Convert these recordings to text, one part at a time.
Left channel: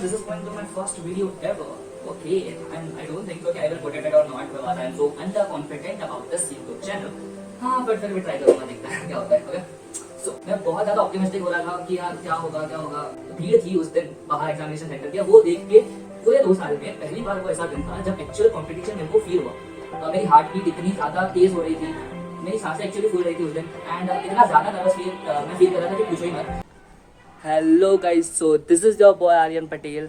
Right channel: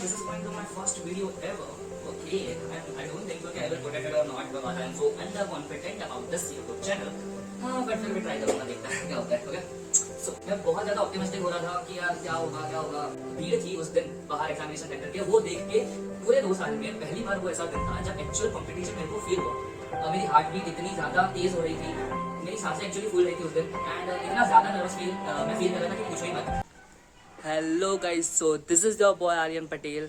This is going to be my first video ever. Okay, and I don't think so कि I will put it or not because I am so underconfident about this YouTube channel. हाँ, but फिर भी try करूँगा, देखता है क्या होता है. Okay. So, मैं बहुत ज़्यादा ऑप्टिमिस्टिक हो रहा था कि यार क्या होगा. भीड़ थी उस दिन बाहर एग्जामिनेशन सेंटर के, वो देख के पूरे 2 साल में पहली बार वो ऐसा दिन था जब एक्चुअल कंपटीशन मेरे को फील हुआ. मेरी हार्ट बीट इतनी ज़्यादा तेज हो रही थी, मेरी सांसें एक्चुअली फूल रही थी उस दिन, एंड इतना ज़्यादा नर्वस मैं फील कर रहा था कि पूछो ही मत. Hello guys, so this is your boy Aryan Patel.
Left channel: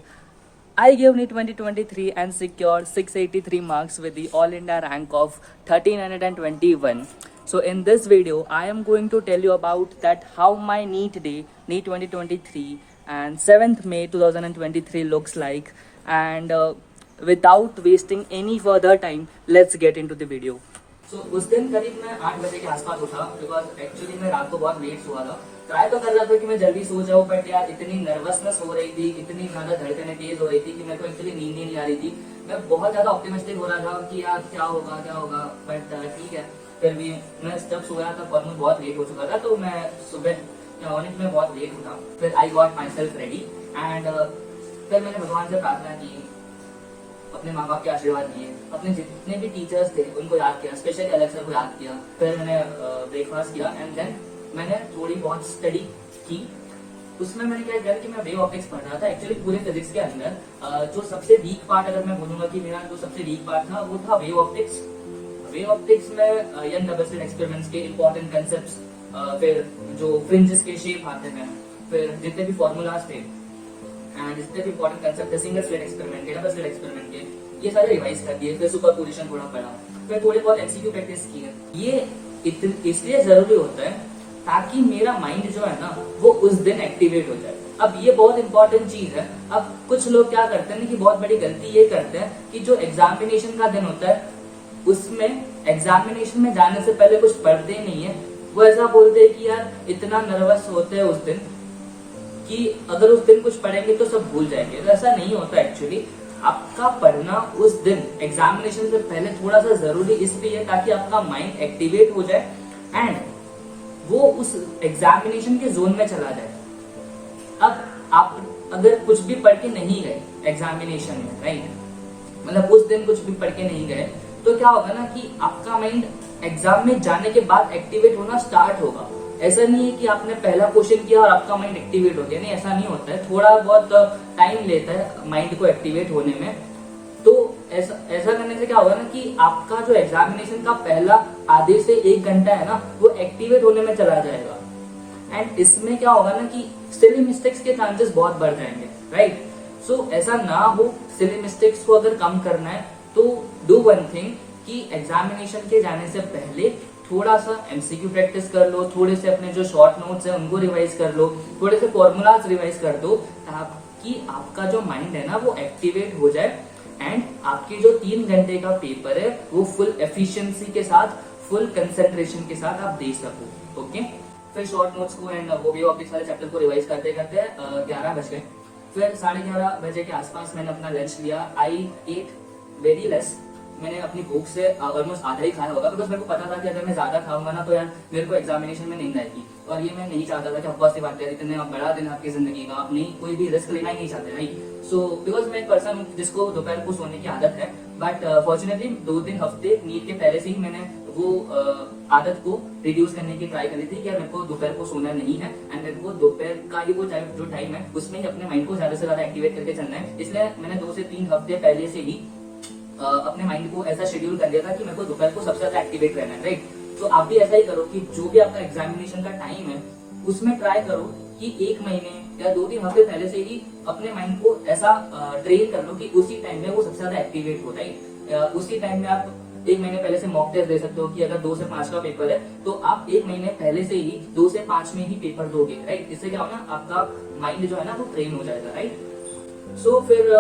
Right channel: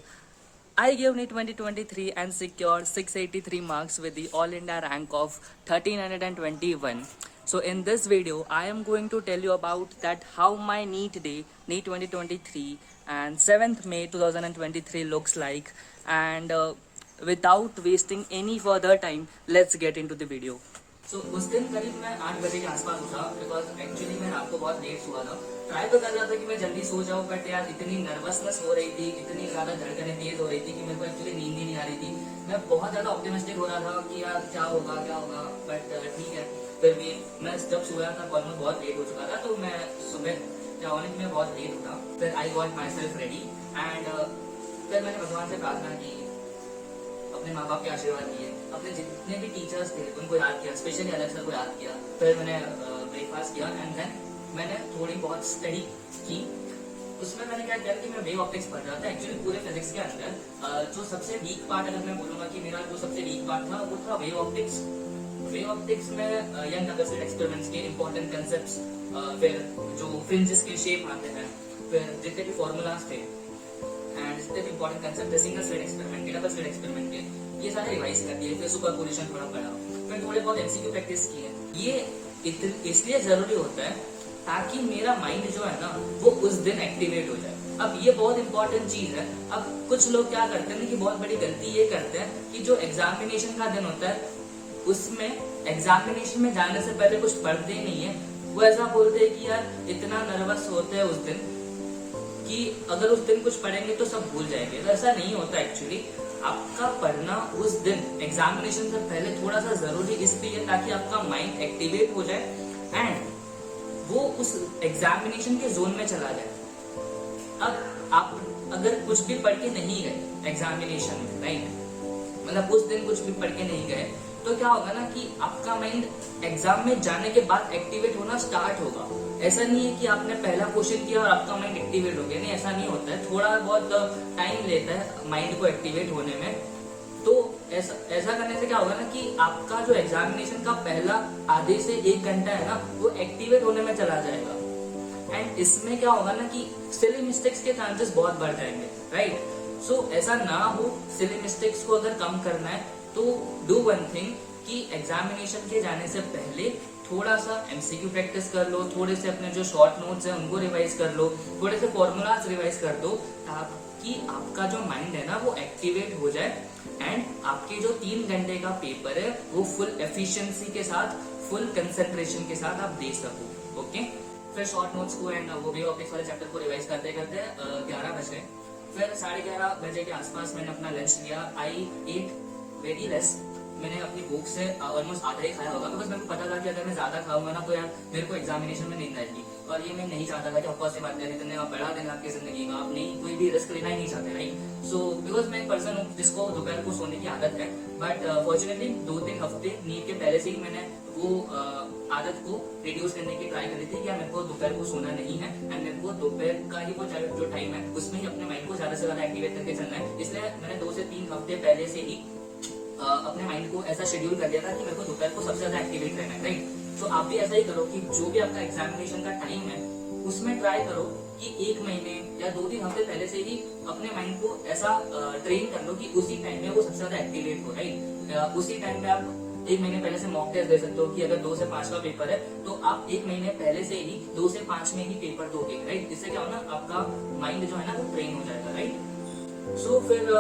I gave NEET 2023 and secured 683 marks with the All India rank of 1321. So in this video, I am going to tell you about that how my NEET day, NEET 2023 and 7th May 2023 looks like. And without wasting any further time, let's get into the video. So उस दिन करीब मैं 8 बजे के आसपास उठा because actually मैं रात को बहुत लेट सोया था. ट्राई तो कर रहा था कि मैं जल्दी सो जाऊं, बट यार इतनी नर्वसनेस हो रही थी, इतनी ज्यादा धड़कनें तेज हो रही थी कि मेरे को एक्चुअली नींद ही नहीं आ रही थी. मैं बहुत ज्यादा ऑप्टिमिस्टिक हो रहा था कि यार क्या होगा, बट ठीक है. फिर भी मैं जब सोया था ऑलमोस्ट बहुत लेट हो चुका था, तो मैं सुबह मॉर्निंग में बहुत लेट उठा. फिर I got my self ready and फिर मैंने भगवान से प्रार्थना की, अपने माँ बाप के आशीर्वाद लिए, अपने जितने भी टीचर्स थे उनको याद किया, स्पेशली अलग सर को याद किया. फिर मैंने ब्रेकफास्ट किया एंड देन मैंने थोड़ी बहुत स्टडी की. उसमें मैंने क्या किया कि मैं वेव ऑप्टिक्स पढ़ रहा था. एक्चुअली पूरे फिजिक्स के अंदर जो सबसे वीक पार्ट, अगर मैं बोलूंगा कि मेरा जो सबसे वीक पार्ट था वो था वेव ऑप्टिक्स. वेव ऑप्टिक्स में यंग डबल स्लिट एक्सपेरिमेंट्स के इंपॉर्टेंट कंसेप्ट्स, फिर जो फ्रिंजेस के शेप आते हैं, फिर जितने भी फॉर्मूलाज थे एंड जितने भी इंपॉर्टेंट कंसेप्ट थे सिंगल स्लिट एक्सपेरिमेंट के, डबल स्लिट एक्सपेरिमेंट के, ये सारे रिवाइज कर दिए. फिर सुपरपोजिशन थोड़ा पढ़ा, फिर थोड़े बहुत एमसीक्यू प्रैक्टिस किए. ये इसलिए जरूरी होता है ताकि मेरा माइंड जो है ना वो उस दिन एक्टिवेट हो जाए. अब ये बहुत इंपॉर्टेंट चीज है. अब कुछ लोग क्या करते हैं कि बहुत बड़ी गलती ये करते हैं कि जो एग्जामिनेशन का दिन होता है उसमें एग्जामिनेशन में जाने से पहले कुछ पढ़ते नहीं है. वो ऐसा बोलते हैं कि यार इतना नर्वस होते हैं उस दिन कि अगर उस दिन कुछ पढ़ेंगे तो सब भूल जाएंगे. तो ऐसा नहीं होता. एक्चुअली आपका पढ़ना उस दिन एग्जामिनेशन से पहले थोड़ा सा जरूरी इसलिए ताकि आपका माइंड एक्टिवेट हो जाए एंड वो उस एग्जामिनेशन के जोन में चला जाए. अब आप अगर कुछ भी पढ़ के नहीं गए एग्जामिनेशन में, राइट, मतलब उस दिन कुछ भी पढ़ के नहीं गए, तो क्या होगा ना कि आपका माइंड एग्जाम में जाने के बाद एक्टिवेट होना स्टार्ट होगा. ऐसा नहीं है कि आपने पहला क्वेश्चन किया और आपका माइंड एक्टिवेट हो गया. नहीं, ऐसा नहीं होता है. थोड़ा बहुत टाइम लेता है माइंड को एक्टिवेट होने में. तो ऐसा करने से क्या होगा ना कि आपका जो एग्जामिनेशन का पहला आधे से 1 घंटा है ना वो एक्टिवेट होने में चला जाएगा. एंड इसमें क्या होगा ना कि सिली मिस्टेक्स के चांसेस बहुत बढ़ जाएंगे, राइट. सो ऐसा ना हो. सिली मिस्टेक्स को अगर कम करना है तो डू वन थिंग कि एग्जामिनेशन के जाने से पहले थोड़ा सा एमसीक्यू प्रैक्टिस कर लो, थोड़े से अपने जो शॉर्ट नोट्स हैं उनको रिवाइज कर लो, थोड़े से फॉर्मूलाज रिवाइज कर दो ताकि आपका जो माइंड है ना वो एक्टिवेट हो जाए एंड आपके जो 3 घंटे का पेपर है वो फुल एफिशिएंसी के साथ, फुल कंसंट्रेशन के साथ आप दे सको. ओके. फिर शॉर्ट नोट्स को एंड वो भी ऑप्टिक्स वाले चैप्टर को रिवाइज करते करते 11 बज गए. फिर 11:30 बजे के आसपास मैंने अपना लंच लिया. आई एट वेरी लेस. मैंने अपनी भूख से ऑलमोस्ट आधा ही खाया होगा बिकॉज मेरे को पता था कि अगर मैं ज्यादा खाऊंगा ना तो यार मेरे को एग्जामिनेशन में नींद आएगी और ये मैं नहीं चाहता था. कि ऑफकोर्स सी बात है, इतने बड़ा दिन आपकी जिंदगी का, आप नहीं कोई भी रिस्क लेना ही नहीं चाहते, राइट. सो बिकॉज मैं एक पर्सन हूँ जिसको दोपहर को सोने की आदत है, बट फॉर्चुनेटली 2-3 हफ्ते नींद के पहले से ही मैंने वो आदत को रिड्यूस करने की ट्राई करी थी कि मेरे को दोपहर को सोना नहीं है एंड मेरे को दोपहर का ही वो जो टाइम है उसमें ही अपने माइंड को ज्यादा से ज्यादा एक्टिवेट करके चलना है. इसलिए मैंने 2 से 3 हफ्ते पहले से ही अपने माइंड को ऐसा शेड्यूल कर दिया था कि मेरे को दोपहर को सबसे ज्यादा एक्टिवेट रहना है, राइट. तो आप भी ऐसा ही करो कि जो भी आपका एग्जामिनेशन का टाइम है उसमें ट्राई करो कि 1 महीने या 2-3 हफ्ते पहले से ही अपने माइंड को ऐसा ट्रेन कर लो कि उसी टाइम में वो सबसे ज्यादा एक्टिवेट हो, राइट. उसी टाइम में आप 1 महीने पहले से मॉक टेस्ट दे सकते हो कि अगर 2 से 5 का पेपर है तो आप 1 महीने पहले से ही 2 से 5 में ही पेपर दोगे, राइट. इससे क्या होना आपका माइंड जो है ना वो ट्रेन हो जाएगा, राइट. सो फिर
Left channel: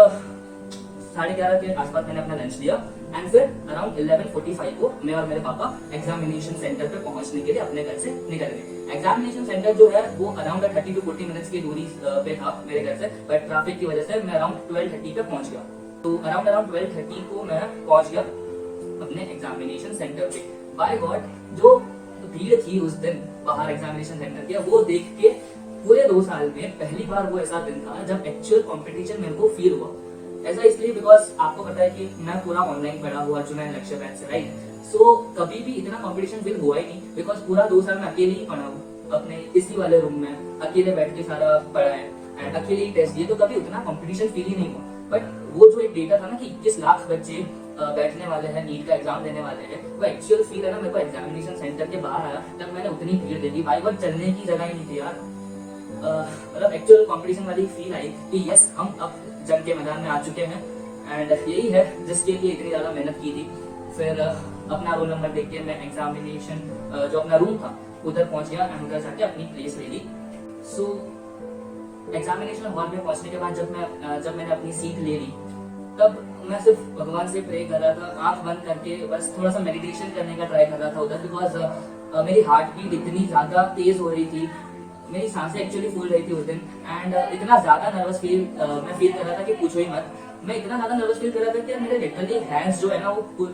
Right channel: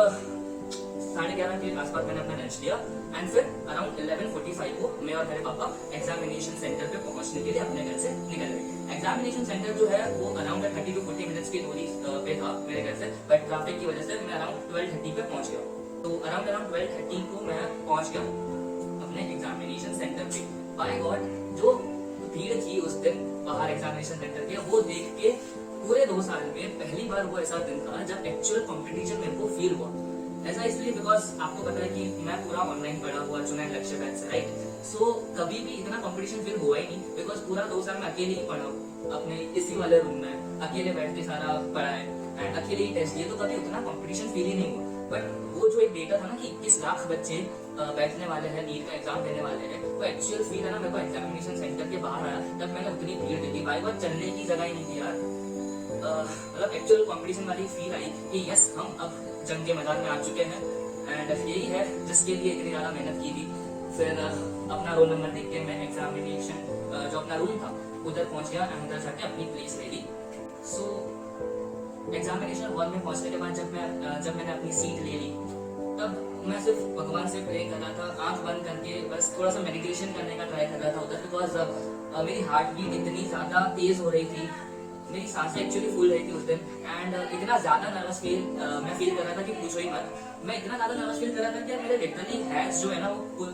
11:30 के आसपास मैंने अपना लंच लिया एंड फिर अराउंड 11:45 को मैं और मेरे पापा एग्जामिनेशन सेंटर पे पहुंचने के लिए अपने घर से निकल गए. एग्जामिनेशन सेंटर जो है वो अराउंड 30 to 40 मिनट्स की दूरी पे था मेरे घर से, बट ट्रैफिक की वजह से मैं अराउंड 12:30 पे पहुंच गया. तो अराउंड 12:30 को मैं पहुंच गया अपने एग्जामिनेशन सेंटर पे. बाय गॉड जो भीड़ थी उस दिन बाहर एग्जामिनेशन सेंटर के वो देख के पूरे 2 साल में पहली बार वो ऐसा दिन था जब एक्चुअल कंपटीशन मेरे को फील हुआ। ऐसा इसलिए बिकॉज आपको पता है कि मैं पूरा ऑनलाइन पढ़ा हुआ जो मैं लक्ष्य बैच से, राइट। सो कभी भी इतना कंपटीशन फील हुआ ही नहीं, बिकॉज पूरा 2 साल में अकेले ही पढ़ा हूँ अपने इसी वाले रूम में, अकेले बैठ के सारा पढ़ा है एंड अकेले ही टेस्ट दिए, तो कभी उतना कंपटीशन फील ही नहीं हुआ। बट वो जो एक डेटा था ना कि 21 लाख बच्चे बैठने वाले हैं, नीट का एग्जाम देने वाले हैं, वो एक्चुअल फील है ना, मेरे को एग्जामिनेशन सेंटर के बाहर आया तब मैंने उतनी भीड़ देखी भाई, वो चलने की जगह ही नहीं थी यार। मतलब एक्चुअल कंपटीशन वाली फील आई कि यस हम अब जंग के मैदान में आ चुके हैं एंड यही है जिसके लिए इतनी ज्यादा मेहनत की थी। फिर अपना रोल नंबर देख के मैं एग्जामिनेशन जो अपना रूम था उधर पहुंच गया एंड उधर जाके अपनी प्लेस ले ली। सो एग्जामिनेशन हॉल में पहुंचने के बाद जब मैंने अपनी सीट ले ली, तब मैं सिर्फ भगवान से प्रे कर रहा था, आंख बंद करके बस थोड़ा सा मेडिटेशन करने का ट्राई कर रहा था उधर, बिकॉज मेरी हार्ट बीट इतनी ज्यादा तेज हो रही थी, मेरी सांसें एक्चुअली फूल रही थी उस दिन एंड इतना ज्यादा नर्वस मैं फील कर रहा था कि पूछो ही मत। मैं इतना ज्यादा नर्वस फील कर रहा था कि मेरे लिटरली हैंड्स जो है ना वो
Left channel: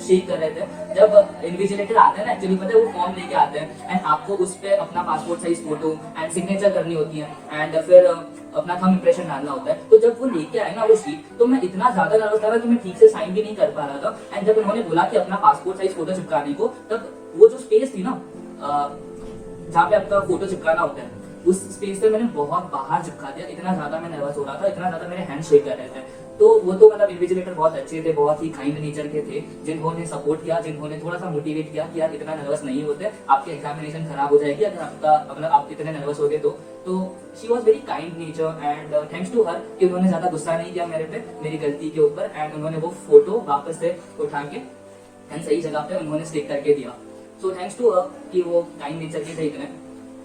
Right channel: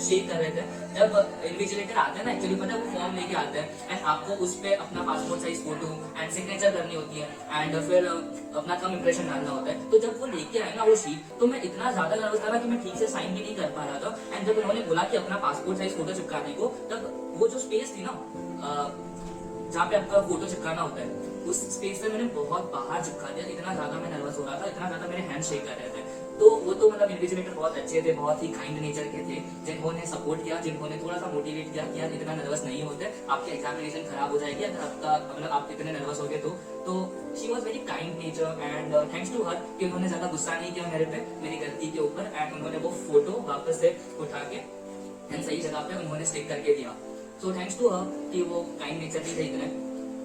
शेक कर रहे थे। जब इन्विजिलेटर आते हैं ना, एक्चुअली पता है वो फॉर्म लेके आते हैं एंड आपको उस पे अपना passport size photo and signature करनी होती है एंड फिर अपना थंब इंप्रेशन डालना होता है। तो जब वो लेके आए ना वो शीट, तो मैं इतना ज्यादा नर्वस था कि मैं ठीक से साइन भी नहीं कर पा रहा था एंड जब उन्होंने बोला कि अपना पासपोर्ट साइज फोटो चिपकाने को, तब वो जो स्पेस थी ना जहाँ पे आपका फोटो चिपकाना होता है, उस स्पेस पे मैंने बहुत बाहर चिपका दिया। इतना ज्यादा मैं नर्वस हो रहा था, इतना ज्यादा मेरे हैंड शेक कर रहे थे। तो वो तो मतलब इन्विजिलेटर बहुत अच्छे थे, बहुत ही काइंड नेचर के थे, जिन्होंने सपोर्ट किया, जिन्होंने थोड़ा सा मोटिवेट किया कि यार इतना नर्वस नहीं होते, आपकी एग्जामिनेशन खराब हो जाएगी अगर आपका मतलब आप इतने नर्वस हो गए तो she was very kind nature and thanks to her कि उन्होंने ज्यादा गुस्सा नहीं किया मेरे पे, मेरी गलती के ऊपर, एंड उन्होंने वो फोटो वापस से उठा के एंड सही जगह पे उन्होंने स्टिक करके दिया। सो थैंक्स टू हर कि वो काइंड नेचर के थे इतने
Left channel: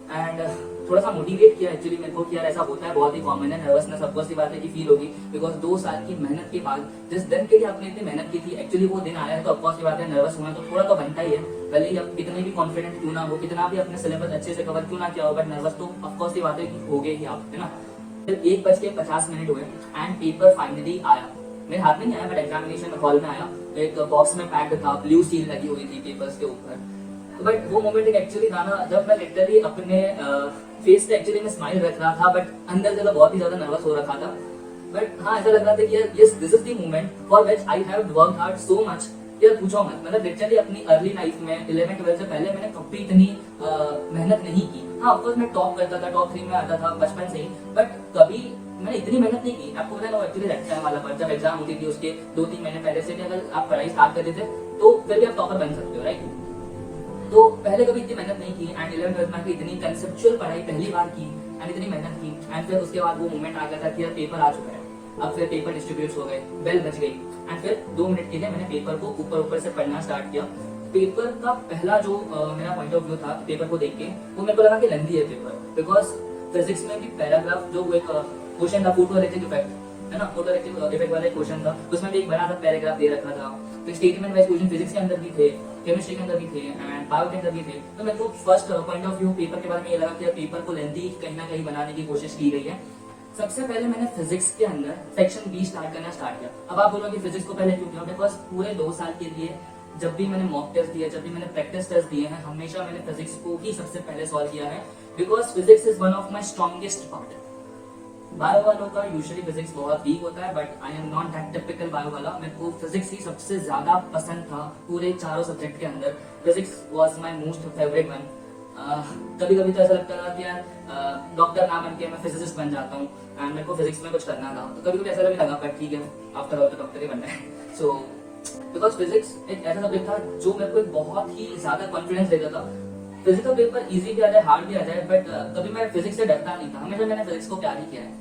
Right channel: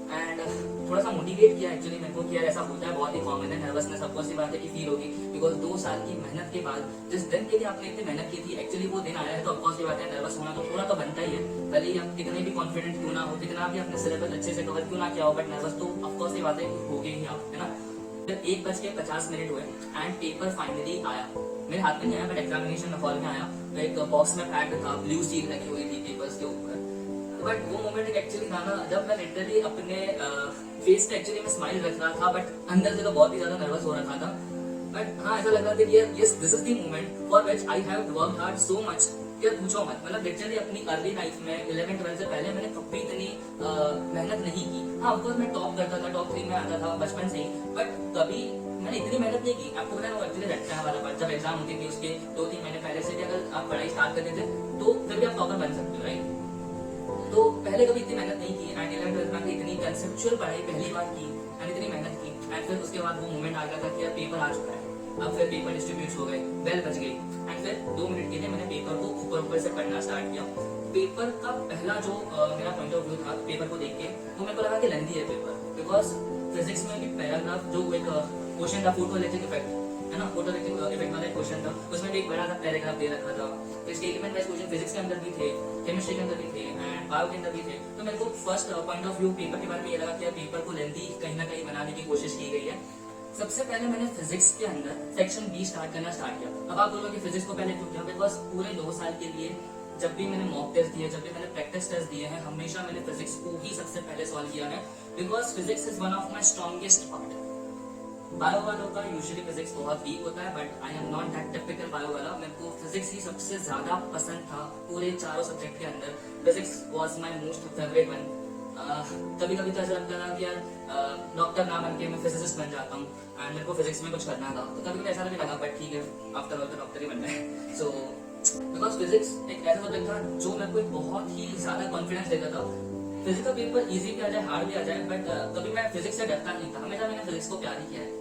एंड थोड़ा सा मोटिवेट किया एक्चुअली मेरे को कि यार ऐसा होता है, बहुत ही कॉमन है, नर्वसनेस सबको सी बात है कि फील होगी, बिकॉज 2 साल की मेहनत के बाद जिस दिन के लिए आपने इतनी मेहनत की थी एक्चुअली वो दिन आया है, तो ऑफकोर्स की बात है नर्वस होना तो थोड़ा तो बनता ही है, भले ही हम कितने भी कॉन्फिडेंट क्यों ना हो, कितना भी अपने सिलेबस अच्छे से कवर क्यों ना किया हो, बट नर्वस तो ऑफकोर्स की बात है कि हो गए ही आप, है ना। 1:50 हुए एंड पेपर फाइनली आया, मेरे हाथ में नहीं आया बट एग्जामिनेशन हॉल में आया, एक बॉक्स में पैक था, ब्लू सील लगी हुई थी पेपर्स के ऊपर। बट वो मोमेंट एक्चुअली था ना जब मैं लिटरली अपने फेस पे एक्चुअली मैं स्माइल रख रहा था, बट अंदर से बहुत ही ज्यादा नर्वस हो रखा था। बट हाँ ऐसा लग रहा था कि yes this is the moment for which I have worked hard so much, यार पूछो मत। मतलब लिटरली अपनी अर्ली लाइफ में 11-12 से पहले मैंने कभी इतनी मेहनत नहीं की। हाँ ऑफकोर्स मैं टॉप करता था, टॉप 3 में आता था बचपन से ही, बट कभी मैंने इतनी मेहनत नहीं की। आपको पता है ना एक्चुअली एग्जाम वाला पर जब एग्जाम होती थी उसके 2-3 महीने पहले से भी अगर आप पढ़ाई स्टार्ट करते थे तो फिर भी आप टॉपर बन सकते हो, राइट। तो पहले कभी इतनी मेहनत नहीं की एंड 11-12 में इतनी कंसेप्चुअल पढ़ाई पहली बार की एंड इतनी मेहनत की एंड फिर उसके बाद वो मोमेंट आ गया था कि यार पेपर आ चुका है, अब फिर पेपर डिस्ट्रीब्यूट हो गए, बेल बज गई एंड फिर 2 मिनट के लिए मैंने पेपर को ऊपर से पढ़ना स्टार्ट किया। पेपर का पहला जो मेरा पॉइंट ऑफ व्यू था पेपर को देख के, वो मेरे को लगा कि लेंथी है पेपर, बिकॉज फिजिक्स में भी पैराग्राफ जो एक क्वेश्चन था फोटो इलेक्ट्रिक इफेक्ट, है ना, फोटो इलेक्ट्रिक इफेक्ट वाला क्वेश्चन था, उसमें भी एक बड़ा सा पैराग्राफ दे रखा था। तो स्टेटमेंट वाइज क्वेश्चन फिजिक्स के अंदर भी थे, केमिस्ट्री के अंदर भी थे एंड बायो के अंदर भी थे। तो मेरे को first point of view paper के बारे में ये लगा कि पेपर को लेंथी कहीं ना कहीं बनाने की कोशिश की गई है। सबसे पहले मैंने फिजिक्स के अंदर सेक्शन बी स्टार्ट करना स्टार्ट किया। अब आप बोलोगे फिजिक्स को पहले क्यों किया, बिकॉज पूरे 2 साल के लिए जब भी मैंने मॉक टेस्ट दिए, जब भी मैंने प्रैक्टिस टेस्ट दिए हैं, हमेशा मैंने फिजिक्स को ही सबसे पहले सॉल्व किया है, because physics is one of my strongest part. Bio वालों का यूजुअली फिजिक्स बहुत वीक होता है, but I am not that typical bio वाला। मेरे को फिजिक्स ही सबसे ज्यादा पसंद था पूरे 4 सब्जेक्ट के अंदर। Physics was my most favourite one. कभी कभी तो ऐसा लगता था कि यार डॉक्टर ना बन के मैं फिजिसिस्ट बन जाता हूँ एंड मेरे को फिजिक्स में कुछ करना था। तो कभी कभी ऐसा भी लगा बट ठीक है, आफ्टर ऑल तो डॉक्टर ही बनना है। सो बिकॉज फिजिक्स एक ऐसा सब्जेक्ट था जो मेरे को बहुत ही ज्यादा कॉन्फिडेंस देता था। फिजिकल पेपर इजी भी आ जाए, हार्ड भी आ जाए, बट कभी मैं फिजिक्स से डरता नहीं था। हमेशा मैंने फिजिक्स को प्यार ही किया है।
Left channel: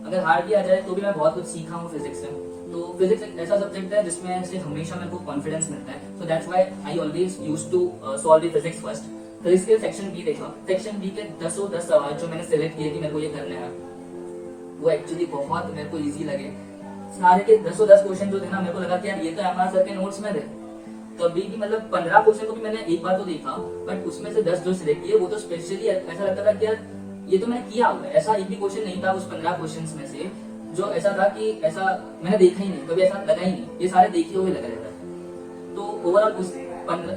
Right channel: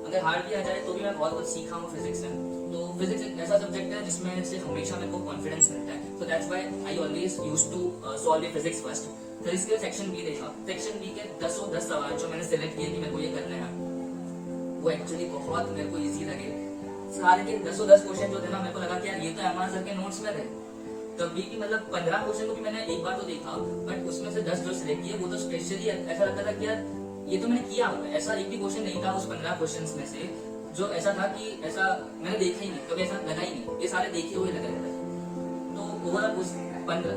अगर हार्ड भी आ जाए तो भी मैं बहुत कुछ सीखा हूँ फिजिक्स से। तो फिजिक्स एक ऐसा सब्जेक्ट है जिसमें से हमेशा मेरे को कॉन्फिडेंस मिलता है। So that's why I always used to solve the physics first. Physics के सेक्शन बी देखा, सेक्शन बी के 10 सवाल जो मैंने सिलेक्ट किए कि मेरे को ये करना है, वो एक्चुअली बहुत मेरे को इजी लगे। सारे के 10 क्वेश्चन जो थे ना, मेरे को लगा कि यार ये तो एमआर सर के नोट्स में थे। तभी भी मतलब 15 क्वेश्चन को भी मैंने एक बार तो देखा, बट उसमें से 10 जो सिलेक्ट किए वो तो स्पेशली ऐसा लगता था कि यार ये तो मैंने किया हुआ है। ऐसा एक भी क्वेश्चन नहीं था उस 15 क्वेश्चंस में से जो ऐसा था कि ऐसा मैंने देखा ही नहीं, कभी ऐसा लगा ही नहीं, ये सारे देखे हुए लगे रहते। तो ओवरऑल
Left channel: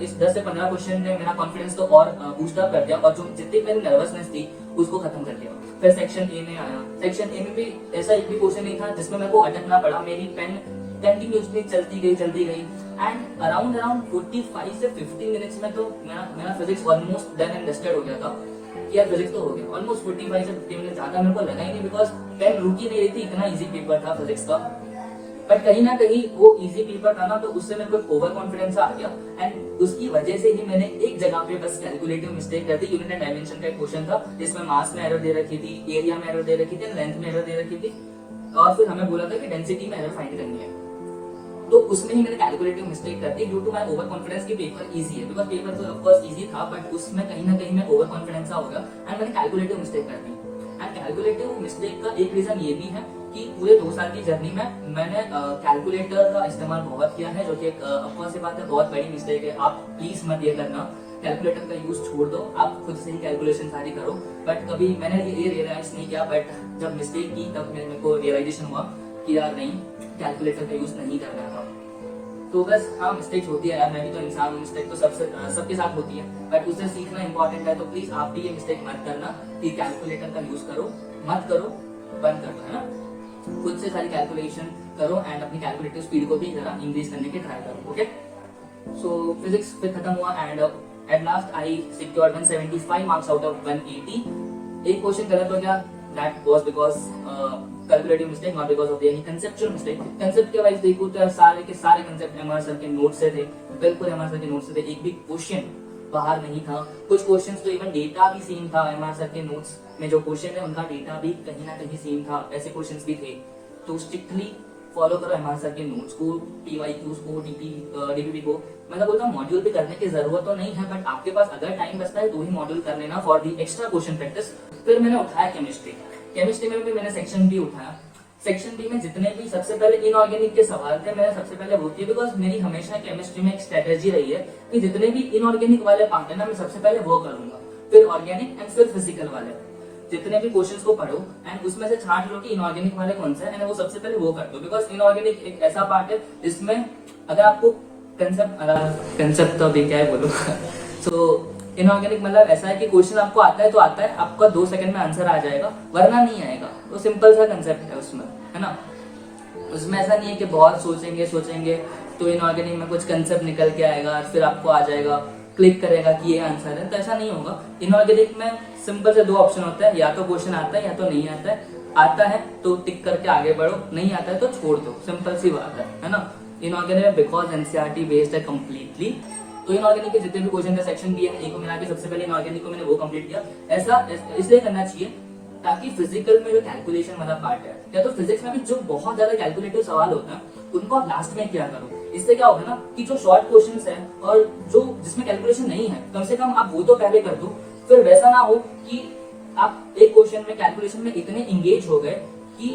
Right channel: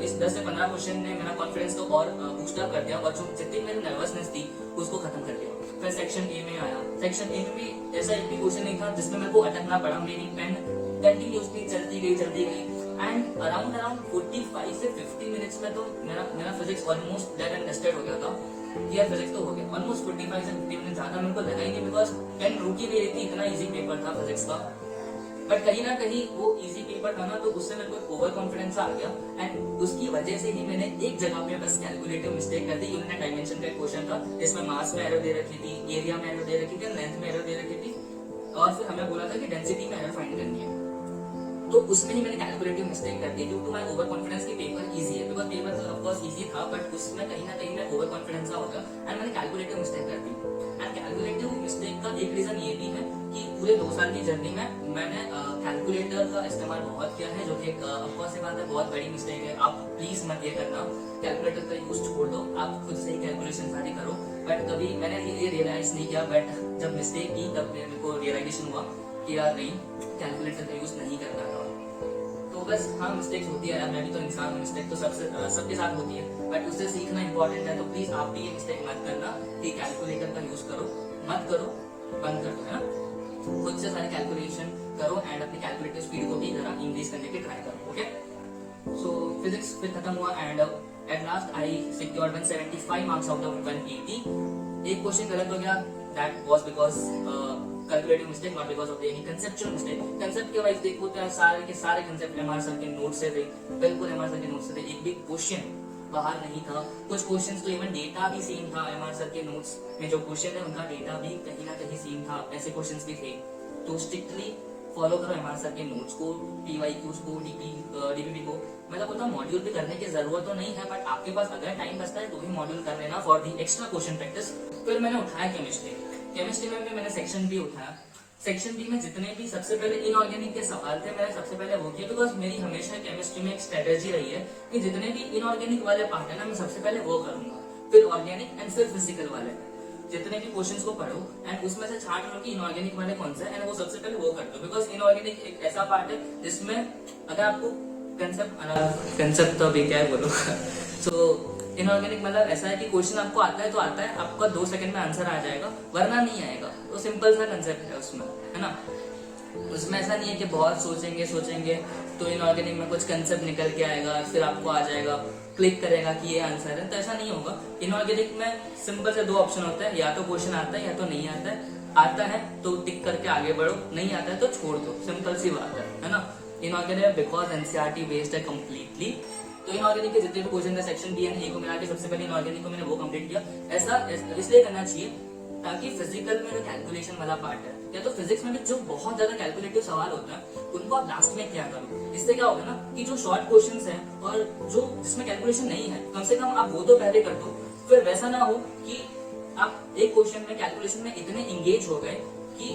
इस 10 से 15 क्वेश्चन ने मेरा कॉन्फिडेंस तो और बूस्ट अप कर दिया और जो जितनी मेरी नर्वसनेस थी उसको खत्म कर दिया। फिर सेक्शन ए में आया, सेक्शन ए में भी ऐसा एक भी क्वेश्चन नहीं था जिसमें मेरे को अटकना पड़ा, मेरी पेन कंटिन्यूसली चलती गई एंड अराउंड 45 से 50 मिनट्स में तो मेरा physics almost done and dusted हो गया था कि यार फिजिक्स तो हो गया। ऑलमोस्ट 45 से 50 मिनट ज्यादा मेरे को लगा ही नहीं, बिकॉज पेन रुक ही नहीं रही थी, इतना इजी पेपर था फिजिक्स का। बट कहीं ना कहीं वो इजी पेपर था ना, तो उससे मेरे को ओवर कॉन्फिडेंस आ गया एंड उसकी वजह से ही मैंने एक जगह पे बस कैलकुलेटिव मिस्टेक कर दी। यूनिट एंड डायमेंशन का एक क्वेश्चन था, इसमें मास में एरर दे रखी थी, एरिया में एरर दे रखी थी, लेंथ में एरर दे रखी थी, और फिर हमें बोला था कि डेंसिटी में एरर फाइंड करनी है। तो उसमें ही मैंने कैलकुलेटिव मिस्टेक कर दी due to my overconfidence कि पेपर इजी है, बिकॉज पेपर तो ऑफ कोर्स इजी था, बट उसमें कहीं ना कहीं मैं ओवर कॉन्फिडेंस सा हो गया एंड मैंने कैलकुलेटिव मिस्टेक कर दी। एंड कैलकुलेटिव मिस्टेक का एक रीजन ये भी है कि पूरे 2 साल की जर्नी में मैंने कैलकुलेटर का इस्तेमाल बहुत किया है, जो कि ऑफ कोर्स ये बात है बहुत बड़ी मिस्टेक है। आप प्लीज मत ये करना, कैलकुलेटर का यूज छोड़ दो, आप खुद से ही कैलकुलेशन सारी करो। बट कभी मैंने ये रियलाइज नहीं किया, बट जब मिस्टेक की तब मेरे को रियलाइजेशन हुआ कि यार नहीं, कैलकुलेटर का यूज नहीं करना था। तो बस हाँ, मिस्टेक्स होती है यार, मैं भी तो इंसान हूँ, मिस्टेक तो सबके साथ होती है, बट उससे सीखना इंपॉर्टेंट है। तो प्लीज आप भी ये मिस्टेक मत करना कि कैलकुलेटर का यूज करो, मत करो, बंद कर दो, है ना। खुद से सारी कैलकुलेशन करो एंड अपनी कैलकुलेटिव स्पीड को भी जरा इंक्रीज करने की ट्राई करो। ओके, सो फिजिक्स फिर खत्म हुआ and at last I secured 175 marks out of 180। एक क्वेश्चन गलत हो गया, that was because calculative mistake, not because of any conceptual mistake. Concept के वाइज देखो तो सारे के सारे कंसेप्ट एमआर सर के नोट से थे, बिल्कुल एमआर सर के नोट से थे, एक भी क्वेश्चन बाहर नहीं था। कुछ क्वेश्चंस तो इवन डेटा भी सेम था, एमआर सर के नोट्स में जो क्वेश्चन है उनका डेटा भी कहीं ना कहीं सेम था, ऐसे क्वेश्चंस भी थे। तो स्ट्रिक्टली फॉलो करो एमआर सर के नोट्स को, पीवाईक्यूज को, डीपीपी को। मैं तो बोलता हूँ मॉड्यूल पे करने की जरूरत तो नहीं है, बट आपके पास अगर टाइम बचता है तो ही मॉड्यूल कर लेना for the extra question practice. फिर मैंने उठाया केमिस्ट्री में भी मैंने सेक्शन बी उठाया। सेक्शन बी में जितने भी सबसे पहले इनऑर्गेनिक के सवाल थे, मैंने सबसे पहले वो किए, बिकॉज मेरी हमेशा केमिस्ट्री में एक स्ट्रेटेजी रही है कि जितने भी इनऑर्गेनिक वाले पार्ट है ना, मैं सबसे पहले वो करूंगा, फिर ऑर्गेनिक एंड फिर फिजिकल वाले। जितने भी क्वेश्चंस को पढ़ो एंड उसमें से छांट लो कि इनऑर्गेनिक वाले कौन सा है, एंड वो सबसे पहले वो कर दो, बिकॉज इनऑर्गेनिक एक ऐसा पार्ट है जिसमें अगर आपको कंसेप्ट तो अभी क्या है बोलो सो इनऑर्गेनिक मतलब ऐसा है कि क्वेश्चन आपको आता है तो आता है, आपका 2 सेकंड में आंसर आ जाएगा, वरना नहीं आएगा। वो सिंपल सा कंसेप्ट है उसमें, है ना। उसमें ऐसा नहीं है कि बहुत सोचेंगे तो इनऑर्गेनिक में कुछ कंसेप्ट निकल के आएगा, फिर आपको आ जाएगा, क्लिक करेगा कि ये आंसर है, तो ऐसा नहीं होगा। इनऑर्गेनिक में सिंपल से 2 ऑप्शन होता है, या तो क्वेश्चन आता है या तो नहीं आता है। आता है तो टिक करके आगे बढ़ो, नहीं आता है तो छोड़ दो, सिंपल सी बात है ना। इनऑर्गेनिक में बिकॉज एनसीईआरटी बेस्ड है कम्प्लीटली, तो इनऑर्गेनिक के जितने भी क्वेश्चन थे सेक्शन बी एंड ए को मिला के सबसे पहले इनऑर्गेनिक को मैंने वो कंप्लीट किया। ऐसा इसलिए करना चाहिए ताकि फिजिकल में जो कैलकुलेशन वाला पार्ट है, या तो फिजिक्स में भी जो बहुत ज्यादा कैलकुलेटिव सवाल होता है उनको आप लास्ट में किया करो। इससे क्या होगा ना कि जो शॉर्ट क्वेश्चंस है और जो जिसमें कैलकुलेशन नहीं है, कम से कम आप वो तो पहले कर दो। फिर वैसा ना हो कि आप एक क्वेश्चन में कैलकुलेशन में इतने इंगेज हो गए कि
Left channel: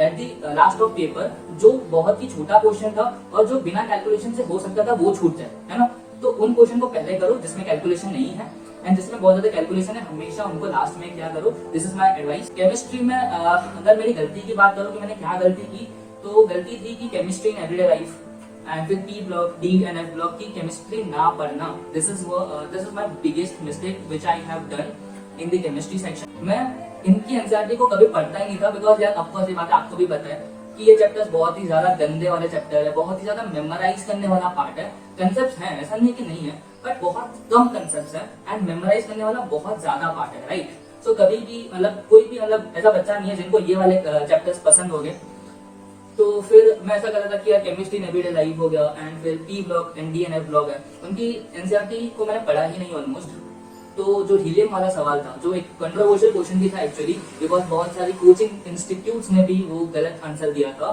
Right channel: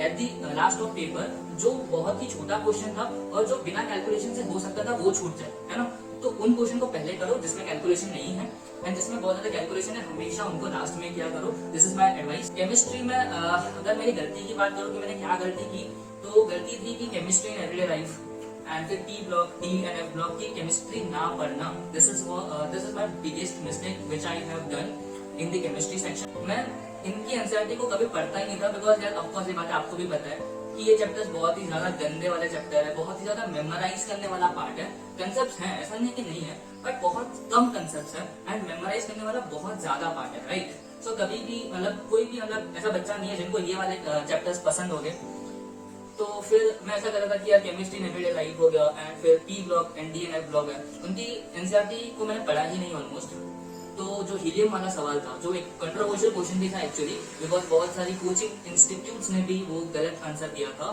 at the last of paper जो बहुत ही छोटा क्वेश्चन था और जो बिना कैलकुलेशन से हो सकता था वो छूट जाए, है ना। तो उन क्वेश्चन को पहले करो जिसमें कैलकुलेशन नहीं है, एंड जिसमें बहुत ज्यादा कैलकुलेशन है हमेशा उनको लास्ट में क्या करो। This is my advice. Chemistry में अगर मेरी गलती की बात करूं कि मैंने क्या गलती की, तो गलती थी कि chemistry in everyday life and फिर T block, D and F block की केमिस्ट्री ना पढ़ना। This is my biggest mistake which I have done in the chemistry section. मैं इनकी एनसीईआरटी को कभी पढ़ता ही नहीं था, बिकॉज यार ऑफ कोर्स ये बात आपको भी पता है कि ये चैप्टर्स बहुत ही ज्यादा गंदे वाले चैप्टर है, बहुत ही ज्यादा मेमोराइज करने वाला पार्ट है। कंसेप्ट्स हैं, ऐसा नहीं कि नहीं है, बट बहुत कम कंसेप्ट्स है एंड मेमोराइज करने वाला बहुत ज्यादा पार्ट है, राइट। सो कभी भी मतलब कोई भी मतलब ऐसा बच्चा नहीं है जिनको ये वाले चैप्टर्स पसंद हो गए। तो फिर मैं ऐसा कर रहा था कि यार केमिस्ट्री इन एवरीडे लाइफ हो गया एंड फिर P block and D and F block है, उनकी एनसीईआरटी को मैंने पढ़ा ही नहीं ऑलमोस्ट। तो जो हीलियम वाला सवाल था, जो एक कंट्रोवर्शियल क्वेश्चन भी था एक्चुअली, बिकॉज बहुत सारी कोचिंग इंस्टीट्यूट्स ने भी वो गलत आंसर दिया था,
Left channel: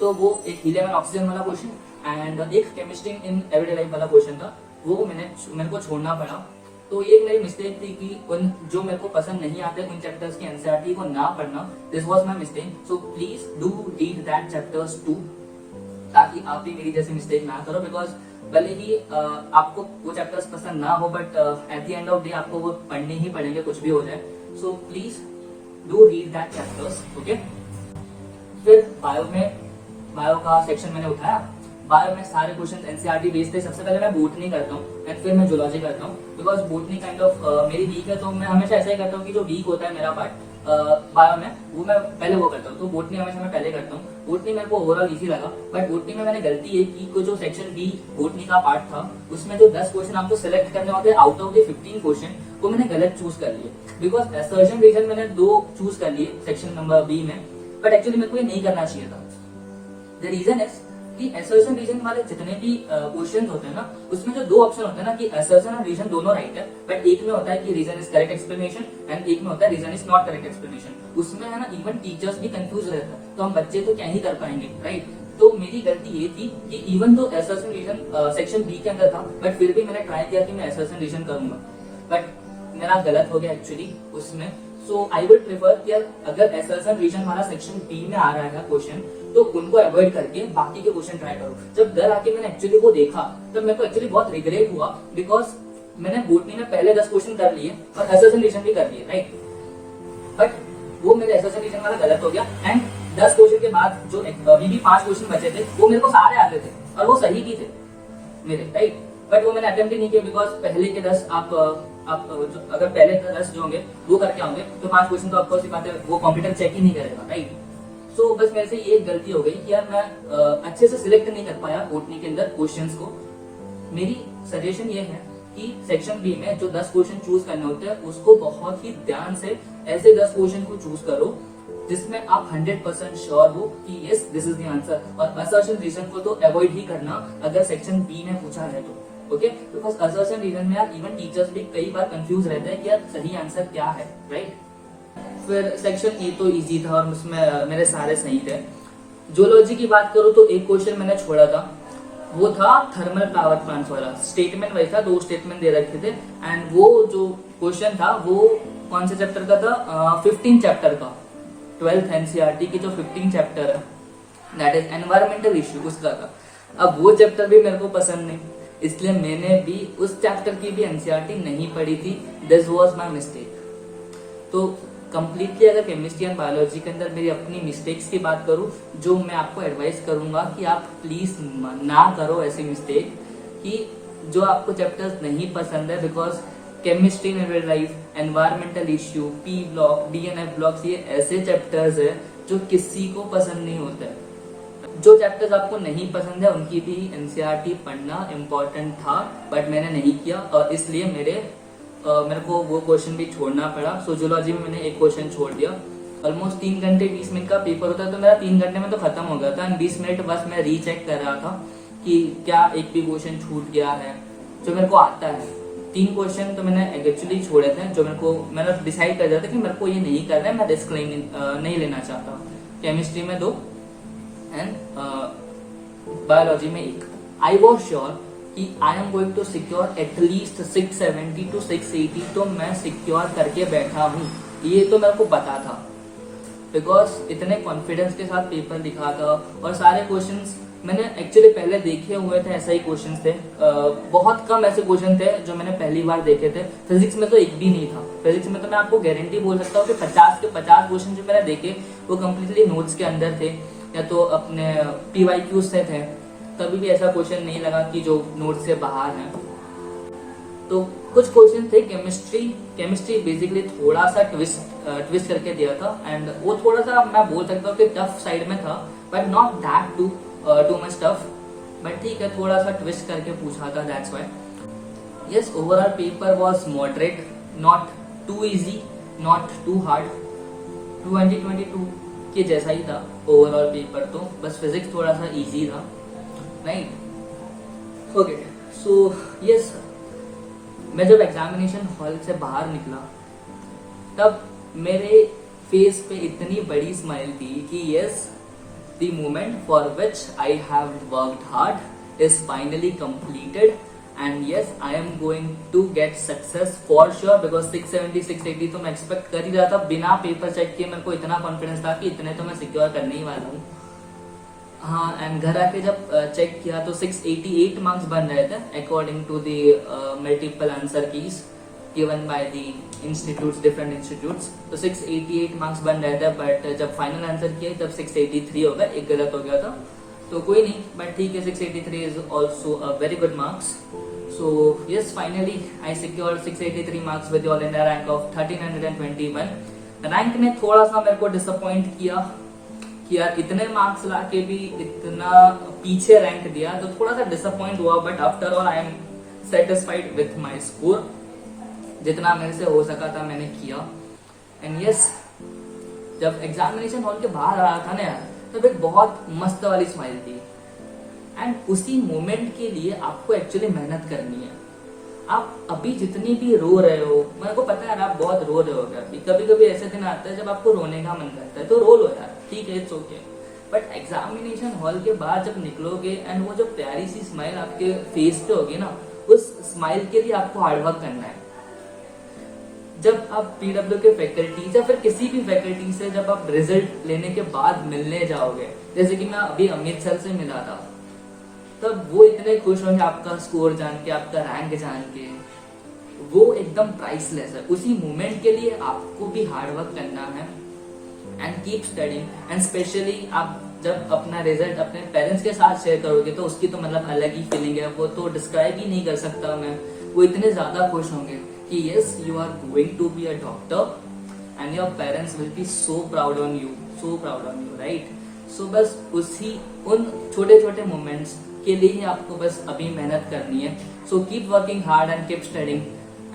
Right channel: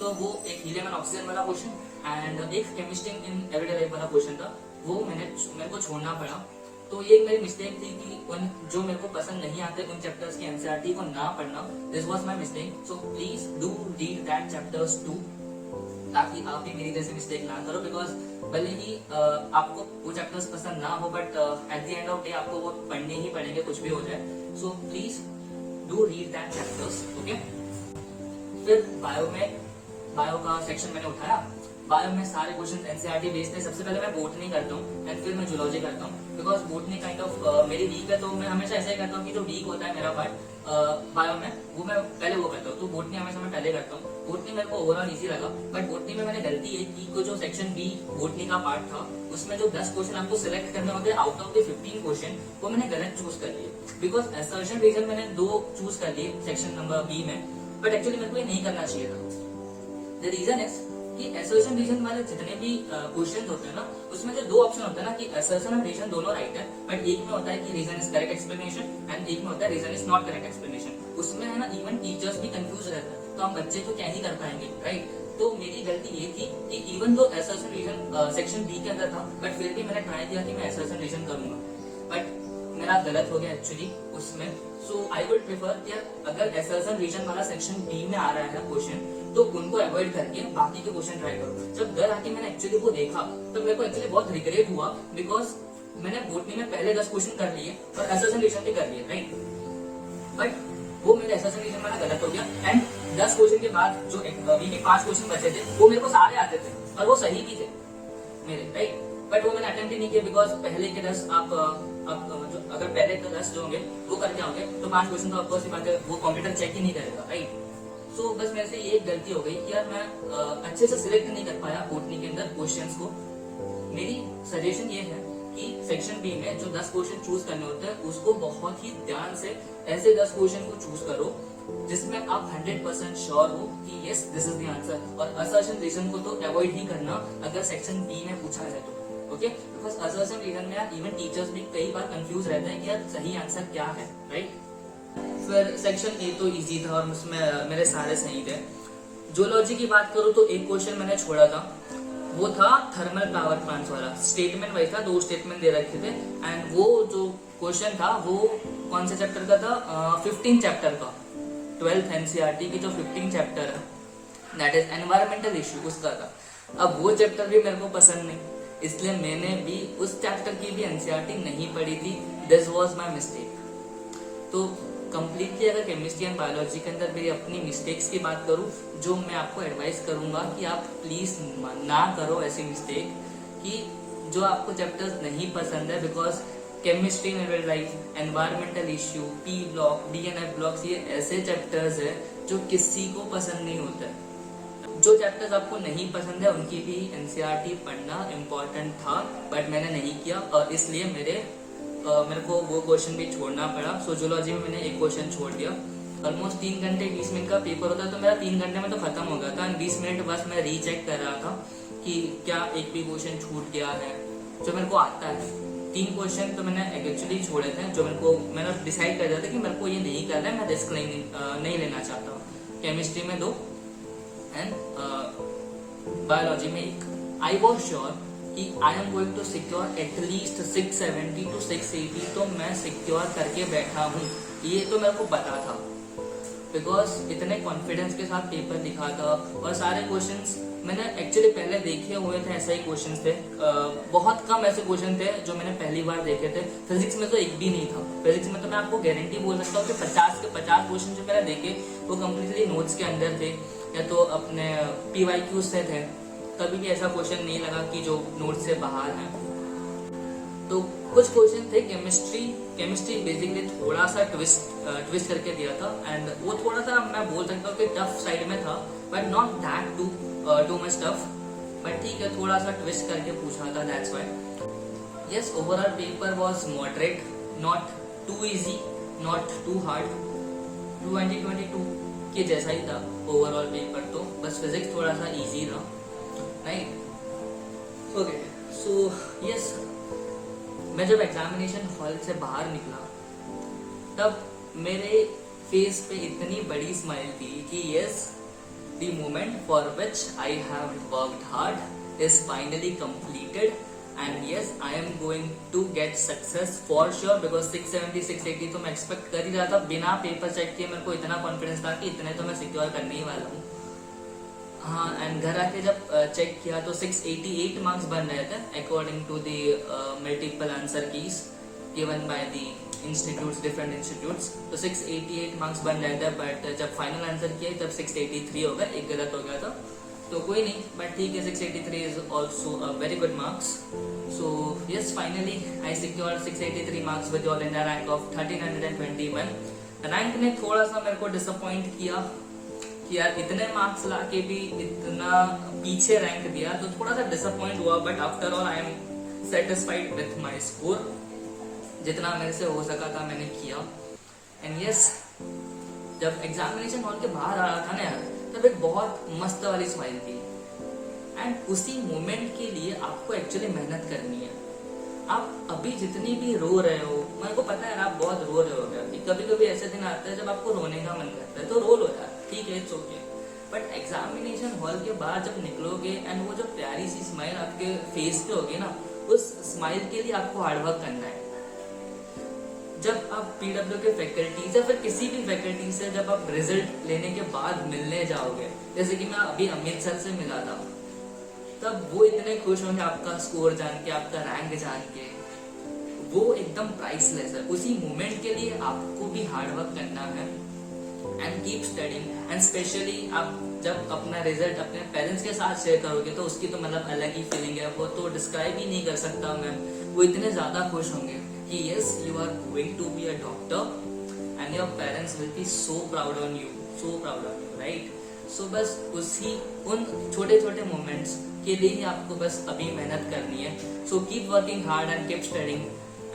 तो वो एक हीलियम एंड ऑक्सीजन वाला क्वेश्चन एंड एक केमिस्ट्री इन एवरीडे लाइफ वाला क्वेश्चन था, वो मेरे को छोड़ना पड़ा। तो ये मेरी मिस्टेक थी कि उन जो मेरे को पसंद नहीं आते उन चैप्टर्स की एनसीईआरटी को ना पढ़ना। This was my mistake. So please do read that chapters too, ताकि आप भी मेरी जैसी मिस्टेक ना करो। बिकॉज भले ही आपको वो चैप्टर्स पसंद ना हो, but at the end of day आपको वो पढ़ने ही पड़ेंगे, कुछ भी हो जाए। सो please do read that chapters, okay. फिर बायो का सेक्शन मैंने उठाया। बायो में सारे क्वेश्चन एनसीईआरटी बेस्ड थे। सबसे पहले मैं बोटनी करता हूँ एंड फिर मैं जूलॉजी करता हूँ, बिकॉज बोटनी काइंड ऑफ मेरी वीक है। तो मैं हमेशा ऐसा ही करता हूँ कि जो वीक होता है मेरा पार्ट बायो में, वो मैं पहले वो करता हूँ। तो बोटनी हमेशा मैं पहले करता हूँ। बोटनी मेरे को ओवरऑल इजी लगा, बट बोटनी में मैंने गलती ये की कि जो सेक्शन बी बोटनी का पार्ट था उसमें जो 10 क्वेश्चन आपको सिलेक्ट करने होते हैं आउट ऑफ द 15 क्वेश्चन, वो मैंने गलत चूज कर लिए। बिकॉज असर्शन रीजन मैंने 2 चूज कर लिए सेक्शन नंबर बी में, बट एक्चुअली मेरे को ये नहीं करना चाहिए था। द रीजन इज कि असर्शन रीजन वाले जितने भी क्वेश्चंस होते हैं ना, उसमें जो 2 ऑप्शन होते हैं ना कि असर्शन और रीजन दोनों राइट है, बट एक में होता है कि reason is correct explanation and एक में होता है reason is not correct explanation. उसमें है ना इवन टीचर्स भी कंफ्यूज रहते हैं, तो हम बच्चे तो क्या ही कर पाएंगे, राइट। तो मेरी गलती ये थी कि even though assertion reason section B के अंदर था, बट फिर भी मैंने ट्राई किया कि मैं असर्शन रीजन करूंगा, बट मेरा गलत हो गया एक्चुअली उसमें। सो आई वुड प्रेफर कि अगर असर्शन रीजन वाला सेक्शन बी में आ रहा है क्वेश्चन, तो उनको अवॉइड करके बाकी के क्वेश्चन ट्राई करो। जब घर आके मैंने एक्चुअली वो देखा, तब मेरे को एक्चुअली बहुत रिग्रेट हुआ, बिकॉज मैंने बोटनी में पहले 10 क्वेश्चन कर लिए और असर्शन रीजन भी कर लिए, राइट। बट वो मेरे असर्शन रीजन वाला गलत हो गया, एंड 10 क्वेश्चन के बाद जो अभी भी 5 क्वेश्चन बचे थे, वो मेरे को सारे आते थे और वो सही भी थे मेरे, राइट। बट वो मैंने अटेम्प्ट ही नहीं किया, बिकॉज पहले के 10 आप अगर पहले के 10 जो होंगे वो करके आओगे, तो 5 क्वेश्चन तो आपको सिखाते, वो कंप्यूटर चेक ही नहीं करेगा, राइट। सो बस मेरे से ये गलती हो गई कि यार मैं अच्छे से सिलेक्ट नहीं कर पाया बोटनी के अंदर क्वेश्चंस को। मेरी सजेशन ये है कि सेक्शन बी में जो 10 क्वेश्चन चूज करने होते हैं, उसको बहुत ही ध्यान से ऐसे 10 क्वेश्चन को चूज करो जिसमें आप 100% श्योर हो कि yes this is the answer, और असर्शन रीजन को तो अवॉइड ही करना अगर सेक्शन बी में पूछा है तो, ओके। बिकॉज असर्शन रीजन में यार इवन टीचर्स भी कई बार कंफ्यूज रहते हैं कि यार सही आंसर क्या है, राइट। फिर सेक्शन ए तो इजी था और उसमें मेरे सारे सही थे। जूलॉजी की बात करूं तो एक क्वेश्चन मैंने छोड़ा था, वो था थर्मल पावर प्लांट्स वाला। स्टेटमेंट वही था, 2 स्टेटमेंट दे रखे थे, एंड वो जो क्वेश्चन था वो कौन से चैप्टर का था, 15 चैप्टर का, 12th एनसीईआरटी की जो 15 चैप्टर है, दैट इज एनवायरमेंटल इश्यू, उसका था। अब वो चैप्टर भी मेरे को पसंद नहीं, इसलिए मैंने भी उस चैप्टर की भी एनसीईआरटी नहीं पढ़ी थी। This was my mistake. तो कंप्लीटली अगर केमिस्ट्री एंड बायोलॉजी के अंदर मेरी अपनी मिस्टेक्स की बात करूं, जो मैं आपको एडवाइस करूंगा कि आप प्लीज ना करो ऐसी मिस्टेक कि जो आपको चैप्टर्स नहीं पसंद है, बिकॉज केमिस्ट्री नेवलाइज, environmental issue, P block, D and F blocks, ये ऐसे चैप्टर्स है जो किसी को पसंद नहीं होते। जो चैप्टर्स आपको नहीं पसंद है उनकी भी एनसीईआरटी पढ़ना इम्पोर्टेंट था, बट मैंने नहीं किया और इसलिए मेरे को वो क्वेश्चन भी छोड़ना पड़ा। सो जूलॉजी में मैंने एक क्वेश्चन छोड़ दिया। ऑलमोस्ट 3 घंटे 20 मिनट का पेपर होता है, तो मेरा 3 घंटे में तो खत्म हो गया था, एंड 20 मिनट बस मैं रीचेक कर रहा था कि क्या एक भी क्वेश्चन छूट गया है जो मेरे को आता है। 3 क्वेश्चन तो मैंने एक्चुअली छोड़े थे जो मैंने डिसाइड कर दिया था कि मेरे को ये नहीं करना है, मैं रिस्क नहीं लेना चाहता। केमिस्ट्री में 2 एंड बायोलॉजी में 1। आई वॉज श्योर कि I am going to secure at least 670 to 680, तो मैं सिक्योर करके बैठा हूँ, ये तो मेरे को पता था, बिकॉज इतने कॉन्फिडेंस के साथ पेपर लिखा था और सारे क्वेश्चंस मैंने एक्चुअली पहले देखे हुए थे, ऐसा ही क्वेश्चंस थे। बहुत कम ऐसे क्वेश्चन थे जो मैंने पहली बार देखे थे। फिजिक्स में तो एक भी नहीं था। फिजिक्स में तो मैं आपको गारंटी बोल सकता हूँ कि 50 के 50 क्वेश्चन जो मैंने देखे वो कम्प्लीटली नोट्स के अंदर थे या तो अपने PYQs से थे। कभी भी ऐसा क्वेश्चन नहीं लगा कि जो नोट से बाहर है। तो कुछ क्वेश्चन थे केमिस्ट्री बेसिकली थोड़ा सा ट्विस्ट करके दिया था, एंड वो थोड़ा सा मैं बोल सकता हूँ कि टफ साइड में था, but not that too much tough, but ठीक है, थोड़ा सा ट्विस्ट करके पूछा था, that's why. Yes, overall paper was moderate, not too easy, not too hard. 2022 के जैसा ही था ओवरऑल पेपर, तो बस फिजिक्स थोड़ा सा इजी था, राइट। ओके, सो यस, मैं जब एग्जामिनेशन हॉल से बाहर निकला तब मेरे फेस पे इतनी बड़ी स्माइल थी कि yes, the moment for which I have worked hard is finally completed, and yes, I am going to get success for sure, because 670 680 तो मैं एक्सपेक्ट कर ही रहा था। बिना पेपर चेक किए मेरे को इतना कॉन्फिडेंस था कि इतने तो मैं सिक्योर करने ही वाला हूँ। हाँ, एंड घर आके जब चेक किया तो 688 मार्क्स बन रहे थे according to the multiple answer keys given by the institutes, different institutes. तो 688 मार्क्स बन रहे थे, बट जब फाइनल आंसर किया तब 683 हो गया, एक गलत हो गया था, तो कोई नहीं, बट ठीक है, 683 is also a very good marks. So yes, finally I secured 683 marks with all India rank of 1321, rank ने थोड़ा सा मेरे को डिसअपॉइंट किया कि यार इतने मार्क्स लाके भी इतना पीछे रैंक दिया, तो थोड़ा सा डिसअपॉइंट हुआ। But after all I am satisfied with my score. जितना मेरे से हो सका था मैंने किया। एंड यस, जब एग्जामिनेशन हॉल के बाहर आ रहा था ना यार, तब एक बहुत मस्त वाली स्माइल थी। एंड उसी मोमेंट के लिए आपको एक्चुअली मेहनत करनी है। आप अभी जितनी भी रो रहे हो, मेरे को पता है आप बहुत रो रहे हो अभी। कभी कभी ऐसे दिन आते हैं जब आपको रोने का मन करता है, तो रो लो यार, ठीक है, it's okay. But examination hall के बाद जब निकलोगे एंड वो जो प्यारी सी स्माइल आपके फेस पे होगी ना, उस स्माइल के लिए आपको हार्डवर्क करना है। जब आप पीडब्ल्यू के फैकल्टी या फिर किसी भी फैकल्टी से जब आप रिजल्ट लेने के बाद मिलने जाओगे, जैसे कि मैं अभी अमित सर से मिला था, तब वो इतने खुश होंगे आपका स्कोर जान के, आपका रैंक जान के। वो एकदम प्राइसलेस है। उसी मोमेंट के लिए आपको भी हार्डवर्क करना है and keep studying. And specially आप जब अपना रिजल्ट अपने पेरेंट्स के साथ शेयर करोगे, तो उसकी तो मतलब अलग ही फीलिंग है, वो तो डिस्क्राइब ही नहीं कर सकता मैं। वो इतने ज्यादा खुश होंगे कि yes, you are going to be a doctor and your parents will be so proud on you, so proud on you, right. So बस उन छोटे छोटे मोमेंट्स के लिए ही आपको बस अभी मेहनत करनी है। So keep working hard and keep studying.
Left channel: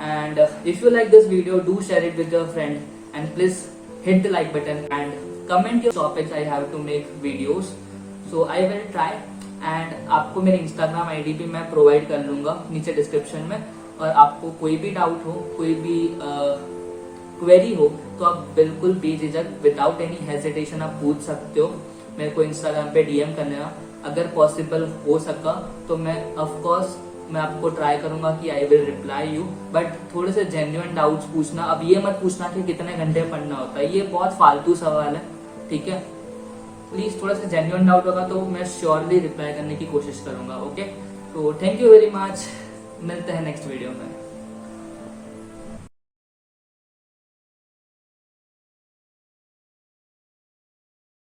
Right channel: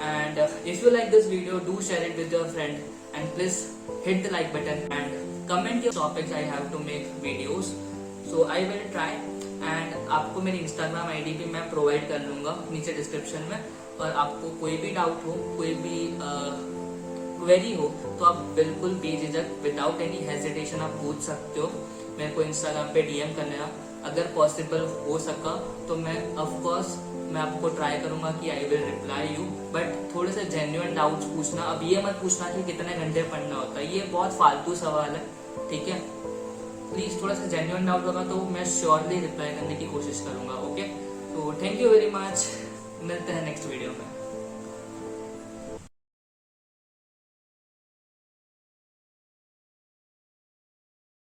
And if you like this video, do share it with your friend and please hit the like button and comment your topics I have to make videos, so I will try। and आपको मेरी Instagram ID भी मैं provide कर लूंगा नीचे description में। और आपको कोई भी डाउट हो, कोई भी क्वेरी हो, तो आप बिल्कुल बेझिझक विदाउट एनी हेजिटेशन आप पूछ सकते हो। मेरे को Instagram पे DM कर लेना। अगर पॉसिबल हो सका तो मैं ऑफकोर्स मैं आपको ट्राई करूंगा कि I will reply you. But थोड़े से जेन्युइन डाउट्स पूछना। अब ये मत पूछना कि कितने घंटे पढ़ना होता है, ये बहुत फालतू सवाल है, ठीक है। प्लीज थोड़ा सा जेन्युइन डाउट होगा तो मैं श्योरली रिप्लाई करने की कोशिश करूंगा, ओके। तो थैंक यू वेरी मच, मिलते हैं नेक्स्ट वीडियो में।